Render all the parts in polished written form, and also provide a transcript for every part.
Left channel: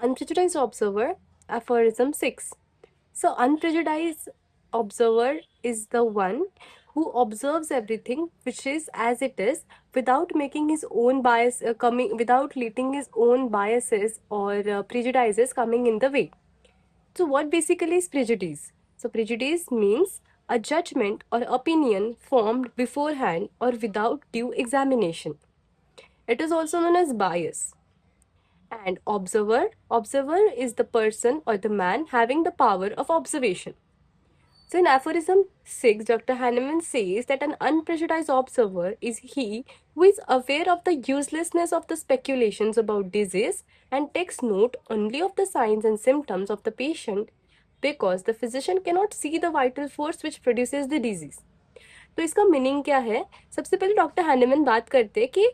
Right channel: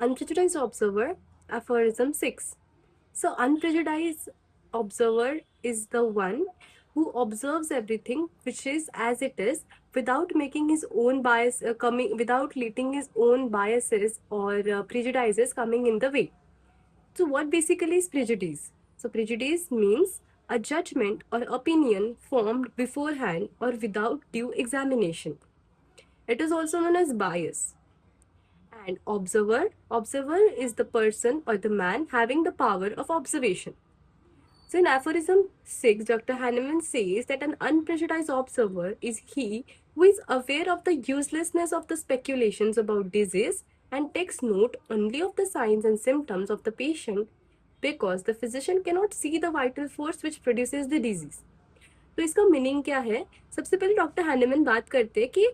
Unprejudiced observer, aphorism 6. So, unprejudiced observer is the one who observes everything which is as it is without making his own bias coming, without letting his own biases or prejudices coming in the way. So, what basically is prejudice? So, prejudice means a judgment or opinion formed beforehand or without due examination. It is also known as bias. And observer is the person or the man having the power of observation. So in aphorism 6, Dr. Hahnemann says that an unprejudiced observer is he who is aware of the uselessness of the speculations about disease and takes note only of the signs and symptoms of the patient because the physician cannot see the vital force which produces the disease. तो इसका meaning क्या है? सबसे पहले doctor Hahnemann बात करते हैं कि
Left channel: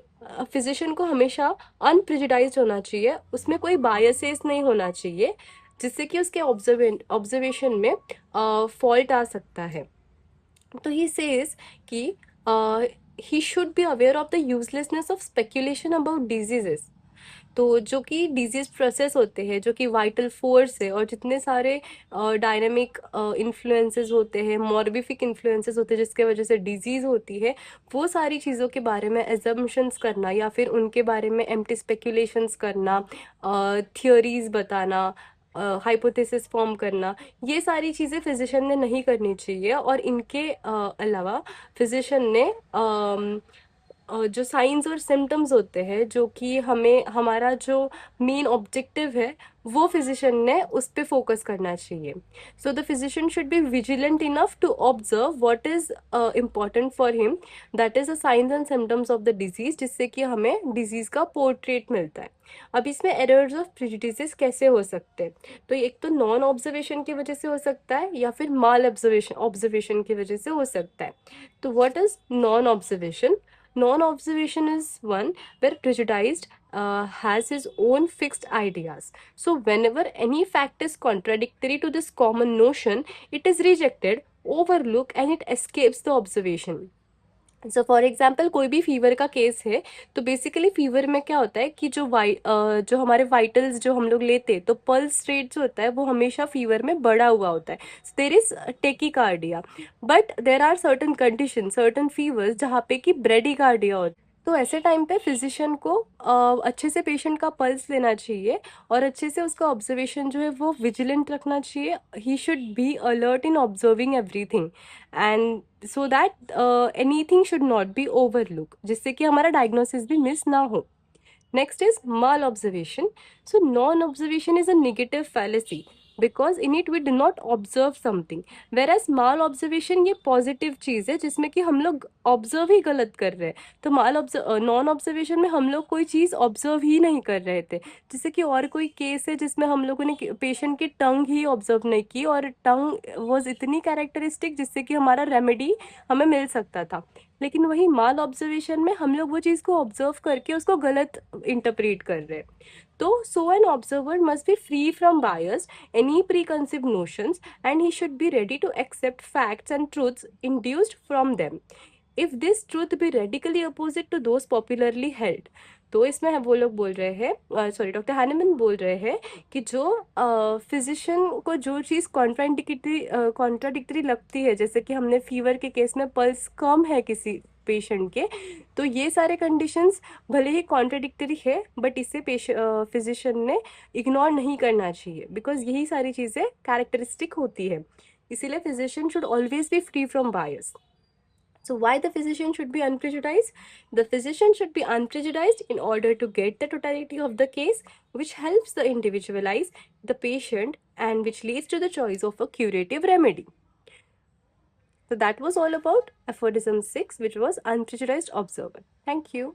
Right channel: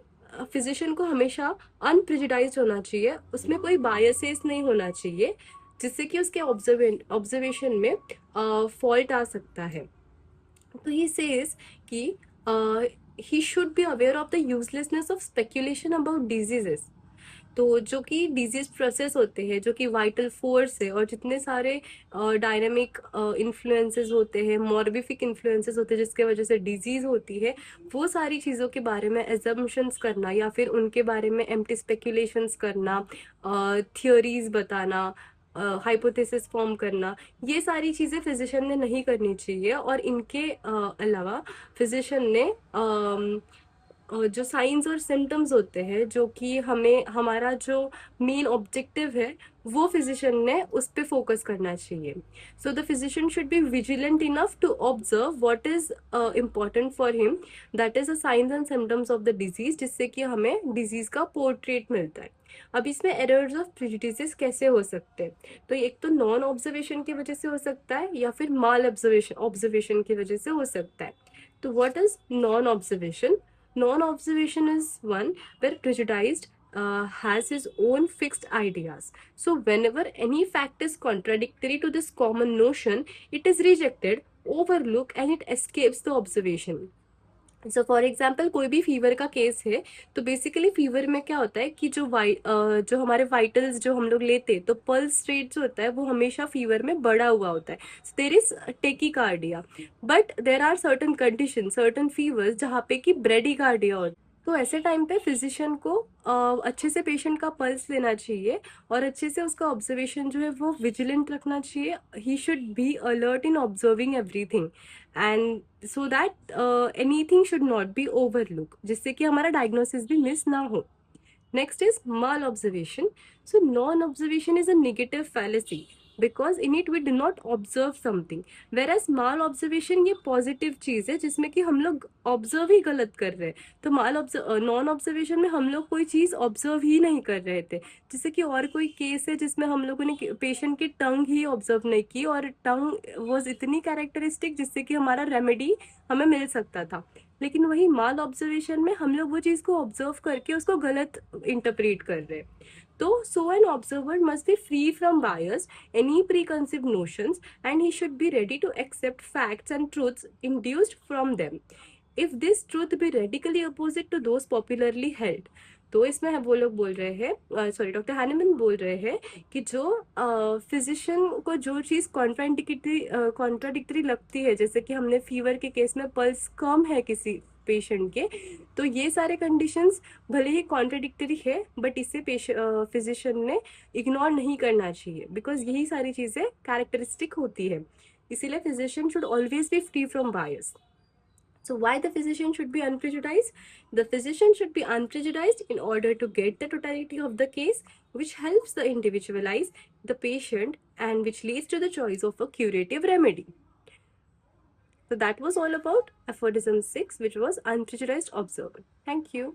फिजिशियन को हमेशा अनप्रेजुडाइज्ड होना चाहिए, उसमें कोई बायसेस नहीं होना चाहिए जिससे कि उसके ऑब्जर्वेशन में फॉल्ट आ सकता है. तो ही सेज कि ही should be aware of the uselessness of speculation about diseases. तो जो कि डिजीज प्रोसेस होते हैं, जो कि वाइटल फोर्स है और जितने सारे डायनामिक इन्फ्लुएंसेस होते हैं, मॉर्बिफिक इन्फ्लुएंसेस होते हैं जिसके वजह से डिजीज होती है, वो सारी चीज़ों के बारे में एजम्पशंस करना या फिर उनके बारे में एम्प्टी स्पेक्यूलेशंस करना, थियोरीज बताना, हाइपोथेसिस फॉर्म करना, ये सारी चीज़ें फिजिशियन ने नहीं करनी चाहिए. और इनके अलावा फिजिशियन ने जो साइंस और सिम्टम्स होते हैं, जो कि हमें हमारा जो मेन ऑब्जेक्टिव है, वो फिजिशियन ने उस पर फोकस करना चाहिए. So the physician should be vigilant enough to observe what is important for him, that is the science and symptoms of the disease, जिससे कि हमें डिजीज का पोर्ट्रेट मिलता है. अब इसमें एरर्स ऑफ प्रेजुडिसेस कैसे हो सकते हैं? तो एक तो नॉन ऑब्जर्वेशन की वजह से हो सकता है या फिर माल ऑब्जर्वेशन की वजह से हो सकता है. तो what is non observation? Non-observation is one where prejudiced has his own fixed ideas. So whenever any fact is contradictory to this common notion, it is rejected, overlooked, and it escapes the observation. So for example कोई भी fever का case है, तो basically fever में क्या होता है कि जो हमारे वाइटल्स जो हम लोग लेते हैं, तो पल्स रेट जो होता है वो हमेशा फीवर में बढ़ा हुआ होता है. There is tachycardia, but there are certain condition, certain fevers जहाँ पे कि ब्रेडिकार्डिया होता है. तो ऐसे टाइम पे फिजिशियन को अच्छे से पेशेंट का पल्स लेना चाहिए और अच्छे से उसका ऑब्जर्वेशन जो है वो विजिलेंट रखना चाहिए. ही should be alert in observing everything, and so that anything should not be overlook, जिससे कि हमारा डायग्नोसिस भी मिस ना हो. Next is malobservation. So non-observation is a negative fallacy because in it we do not observe something, whereas malobservation ये positive चीज है जिसमें कि हम लोग ऑब्जर्व ही गलत कर रहे हैं. तो नॉन ऑब्जर्वेशन में हम लोग कोई चीज ऑब्जर्व ही नहीं कर रहे थे. जैसे कि और कोई केस है जिसमें हम लोगों ने पेशेंट की टंग ही ऑब्जर्व नहीं की और टंग वॉज इतनी कैरेक्टरिस्टिक जिससे कि हमारा रेमेडी हमें मिल सकता था. लेकिन वही माल ऑब्जर्वेशन में हम लोग वो चीज को ऑब्जर्व करके उसको गलत इंटरप्रेट कर रहे हैं. तो so an observer must be free from bias, any preconceived notions, and he should be ready to accept facts and truths induced from them if this truth be radically opposite to those popularly held. तो इसमें वो लोग बोल रहे हैं, sorry doctor Hahnemann बोल रहे हैं कि जो फिजिशियन को जो चीज़ कॉन्ट्राडिक्टरी लगती है, जैसे कि हमने फीवर के केस में पल्स कम है किसी पेशेंट के, तो ये सारे कंडीशंस भले ही कॉन्ट्राडिक्टरी है बट इसे फिजिशियन ने इग्नोर नहीं करना चाहिए बिकॉज यही सारी चीज़ें कैरेक्टरिस्टिक होती है. इसीलिए physician should always be free from bias. So why the physician should be unprejudiced? The physician should be unprejudiced in order to get the totality of the case, which helps the individualize the patient and which leads to the choice of a curative remedy. So that was all about aphorism 6, which was unprejudiced observer. Thank you.